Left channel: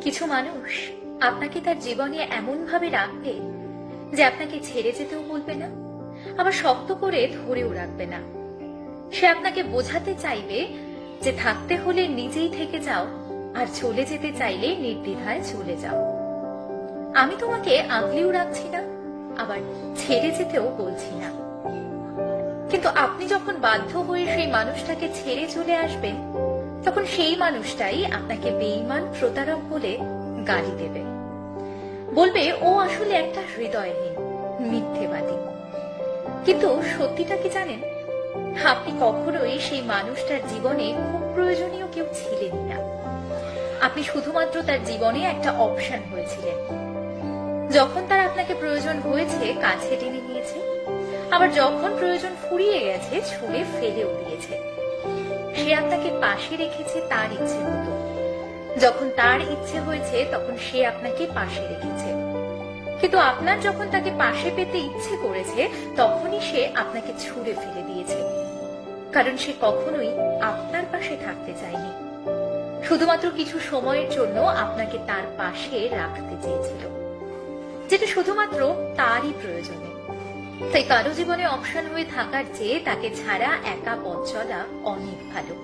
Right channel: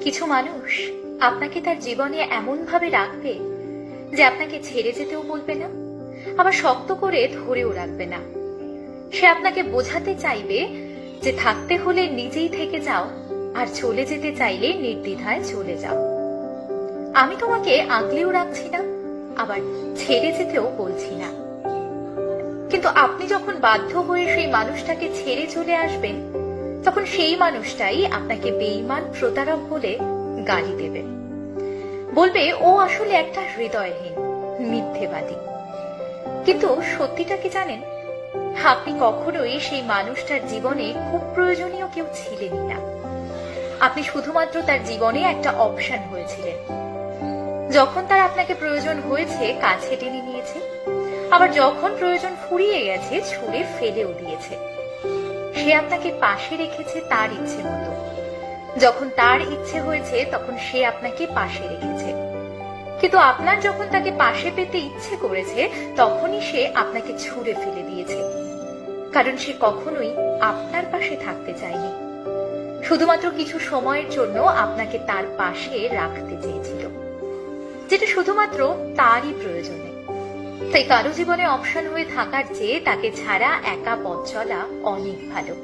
কিছু মানুষ আপনাকে তার জীবনে এমন ভাবে রাখবে যে আপনাকে ছেড়ে যেতেও বলবে না, আবার শক্ত করে ধরেও রাখবে না। সে আপনাকে বোঝাতে চাইবে যে থাকতে হলে নিজেই থেকে যাও, আর চলে যেতে চাইলে নির্দ্বিধায় চলে যাও। আমি তোমাকে আগলেও রাখছি না, আবার ছেড়ে যেতেও বলছি না। কিন্তু আপনি যখন বাধ্য হয়ে সেই মানুষটাকে ছেড়ে চলে আসবেন, তখন সেই মানুষটাই আপনাকে বেঈমান, প্রতারক বলে গালি দেবে। বলবে ও আসলে একটা হৃদয়হীন, মিথ্যেবাদী। কিন্তু সত্যিটা কি জানেন? আপনি কখনোই সেই মানুষটার জীবনে খুব প্রয়োজনীয় কেউ ছিলেনই না। আপনি শুধুমাত্র তার জীবনে একটা অপশন হয়েছিলেন। যখন তার আপনাকে প্রয়োজন হয়েছে, কাছে টেনে নিয়েছে, আবার যখন প্রয়োজন ফুরিয়ে গেছে, ছুঁড়ে ফেলেও দিয়েছে। সে আপনাকে পাশে রেখেছে তার ইচ্ছে মতো। যখন তার ইচ্ছে হয়েছে, তখন সে আপনাকে পাশে রেখেছে। কিন্তু আপনার যখন তাকে পাশে পেতে ইচ্ছে করেছে, তখনই সে আপনাকে ছুঁড়ে ফেলে দিয়েছে। কারণ সে কখনোই আপনার পাশে থাকতে চায়নি, শুধুমাত্র কিছু সময়ের জন্য আপনাকে তার পাশে রাখতে চেয়েছিল, যেটা শুধুমাত্র তারই প্রয়োজনে। তাই কারো জীবনে অপশন হয়ে থাকার চেয়ে তাকে ছাড়া একা পথ চলা অনেক ভালো।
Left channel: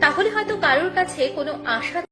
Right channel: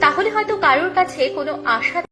তাহলে হয়তো কারোর কাছে কোনো আশা